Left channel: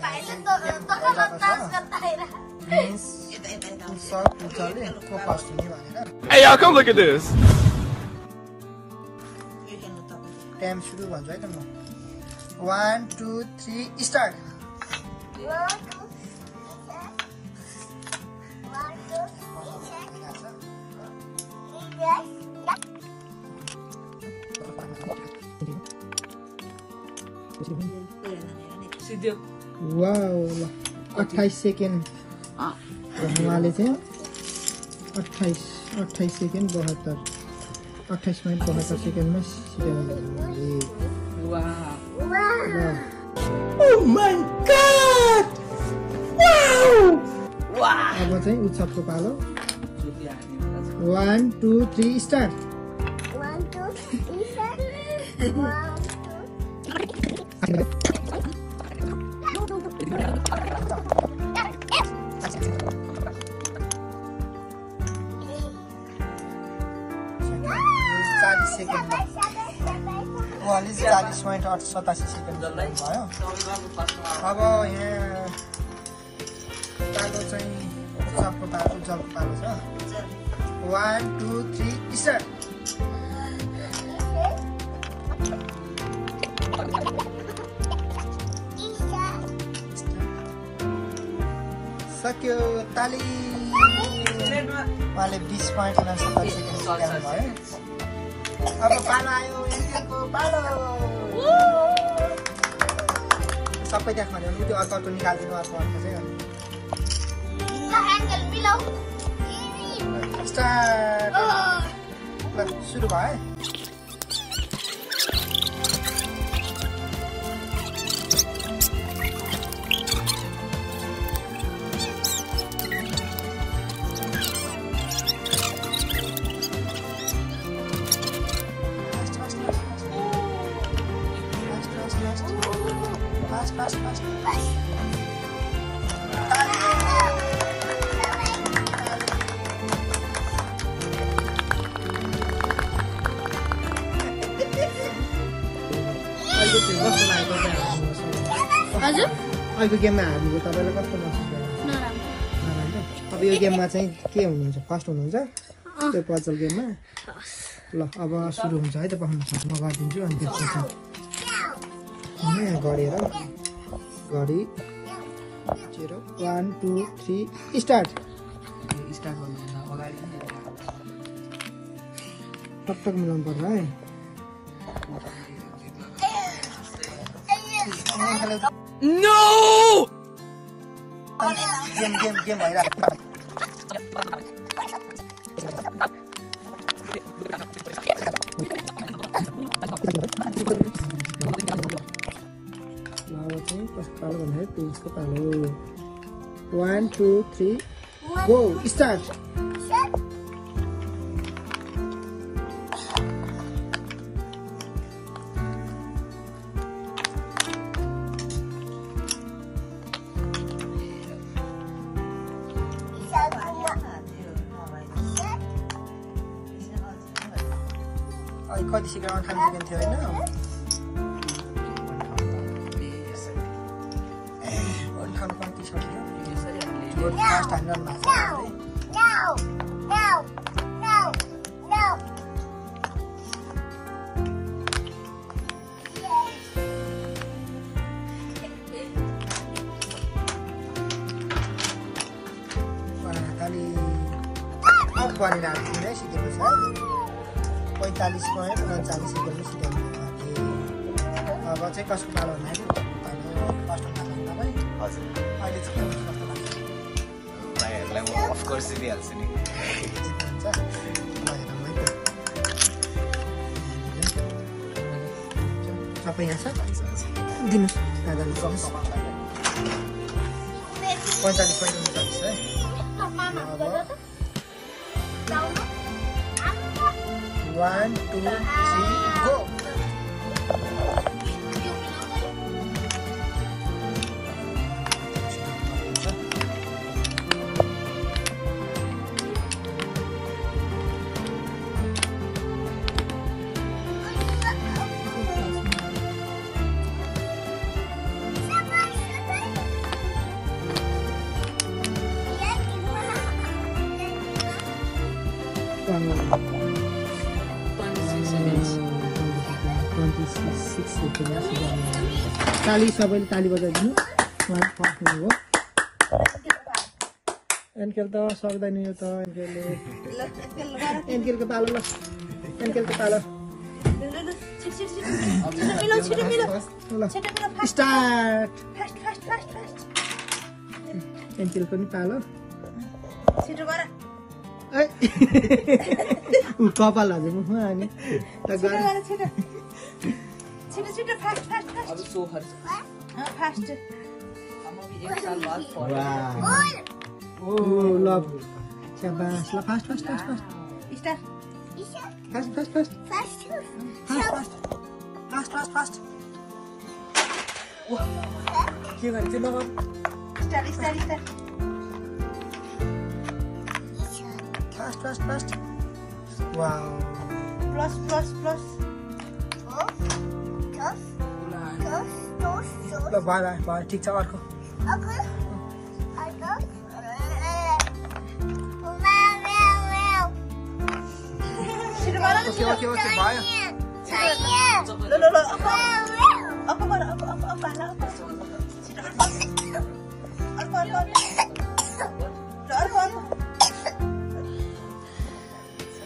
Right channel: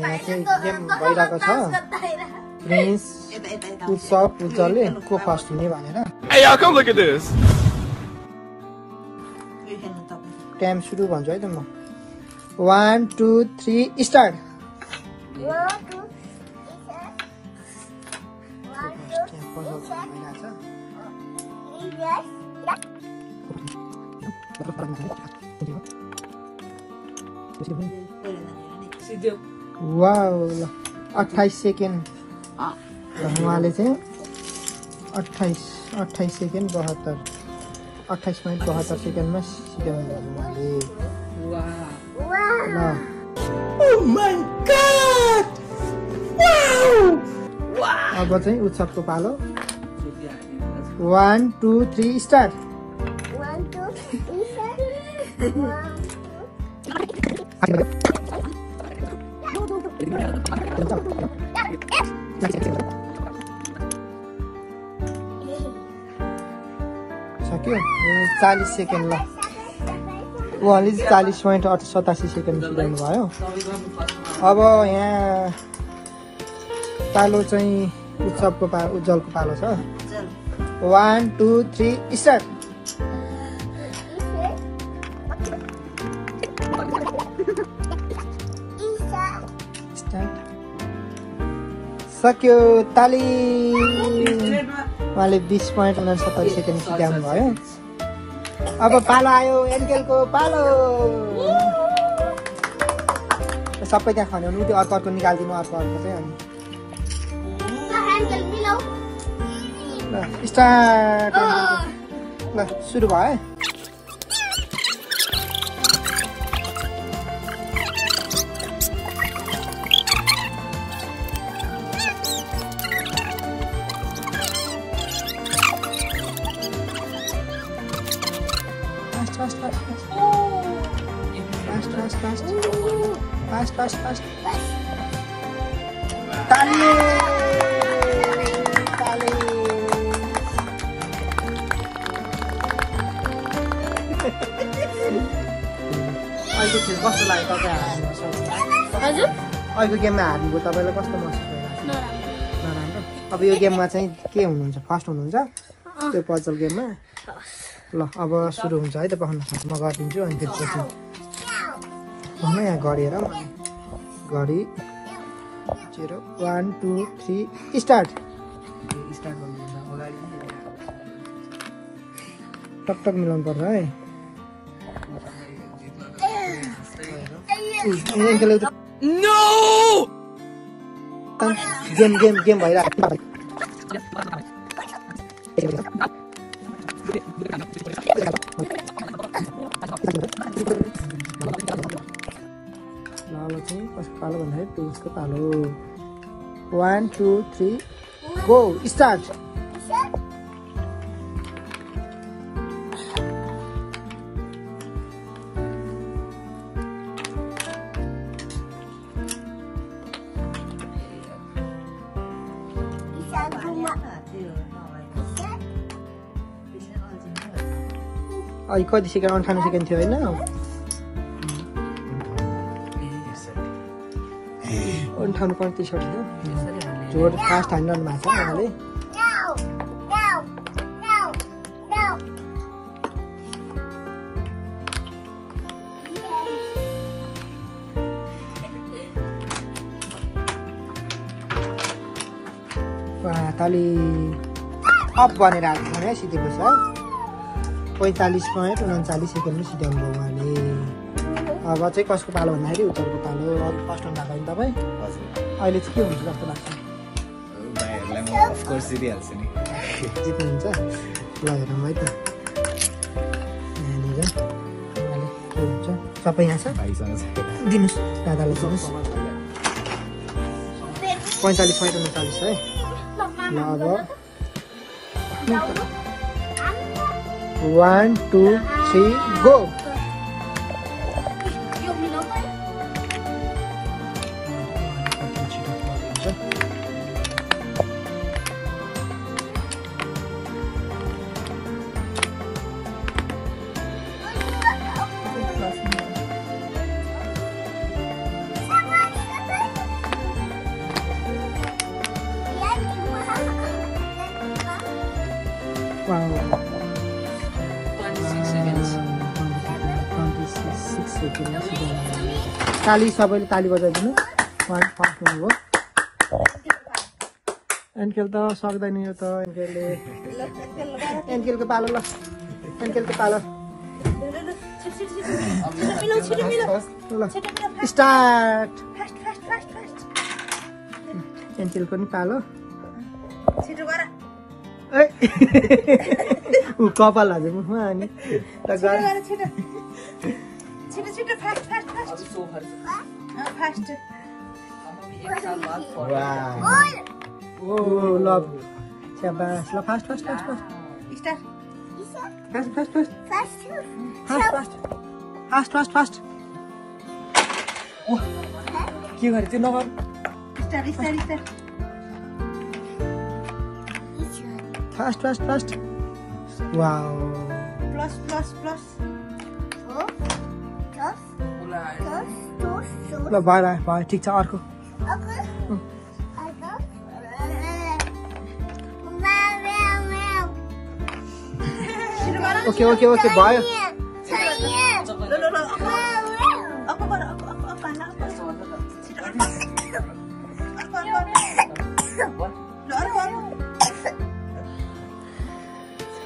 यहाँ चाहिँ गेम भइरहेको छ प्रिन्स उत्सव उज्जवलले को फर्स्ट हुने भनेर Hey y'all, come look at this. Time सुरु भन्छु है त म 1 2 3 स्टार्ट वाउ 28 सेकेन्ड उहाँले चाहिँ 28 सेकेन्ड 72 28 मिनट 72 सेकेन्डमा सिकाउनु Oh my god! Wow! अब चाहिँ उत्सवको पालो 1 2 3 स्टार्ट 1 2 3 start सक्यो 40 सेकेन्ड ल उहाँले 40.87 सेकेन्ड सिकाउनु भयो अब यहाँ पालो चाहिँ उत्सवको उज्जवलको पालो छ 1 2 3 स्टार्ट सक्यो ताली उहाँले 20.69 सेकेन्ड सिकाउनु भयो अब पालो आयो एन्केलको पालो सबै त्यहाँ खाने हो त्यो अर्को निकालिदिनु अर्को चाहिँ अनि स्टार्ट ल सुरु भयो Fast. Tali. अहिले चाहिँ कस्तो लाग्यो तपाईँ हजुर अहिले गेममा हारेको तपाईँलाई कस्तो महसुस भयो नराम्रो अब यो गेममा चाहिँ के हुनुहुन्छ फर्स्ट हुनुहुन्छ त्यो पजल गेममा ल अब सुरु हुन्छ है त पखाउन म गरिदिन्छु अनि त्यसपछि यहाँ गरेर गरी 1 2 3 स्टार्ट टक मिलाउनु पर्छ है No! गेम भइरहेको चाहिँ कसको पालो भन्दाखेरि पुरुषको पालो 1 2 3 गो स्टार्ट अहिले कति सेकेन्ड 58 सेकेन्ड थियो होइन 58.30 जो फास्ट हान्डल भएको छ उहाँले ताली अप भनेर हाल्नु सिकेको छ 45.39 सेकेन्डमा सिकाउनु भयो उहाँले अब चाहिँ कसको पालो भन्दाखेरि उत्तरको पालो फर्स्ट हुन लाग्यो तपाईँ अहिले चाहिँ के हुन्छ जस्तो लाग्छ अफकोर्स जितिहाल्छ नि जित्नुहुन्छ लागेर मलाई त तपाईँ यहाँ भाइसँग दिनुहोस् दादालाई दिनुहोस् 45.39 है अब 1 2 3 गो 6 सेकेन्ड ताली सबैले ताली बजाइदिनु उहाँ फर्स्ट हुनुभयो एन्केल त सक्दैन यो त एन्केलको पालो ल एन्केलको पालो स्टार्ट एन्केलको नि पालो ऊ कपाल हाल्यो मुखमा अनि त ओ लभ शाबास ल fast fast fast fast Start. Fast fast fast Fast. Fast fast fast के गरे त्यो नगर फास्ट फास्ट फास्ट वाओ ल भयो ठिक छ अर्को ओके ओके ओके भयो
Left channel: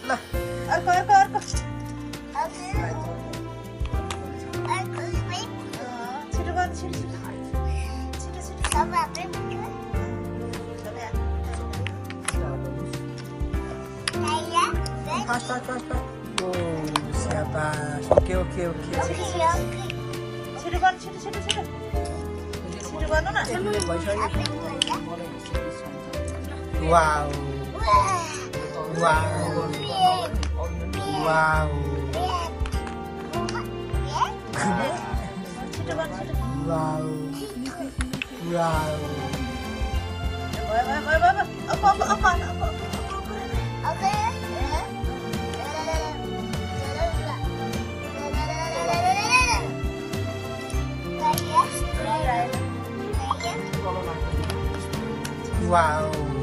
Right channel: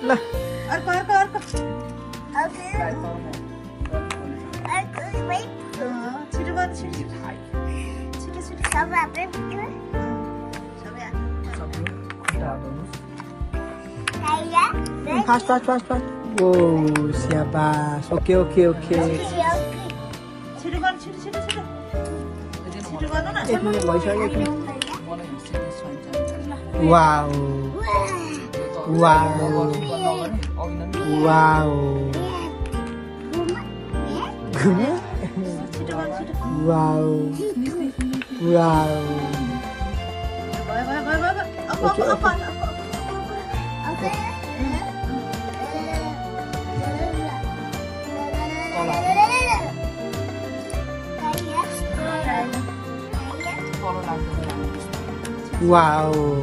ल फास्ट फास्ट फास्ट फास्ट ओ शाबास ओके ओके ओके एक मिनट भइसक्यो wow wow wow wow wow okay okay Wow.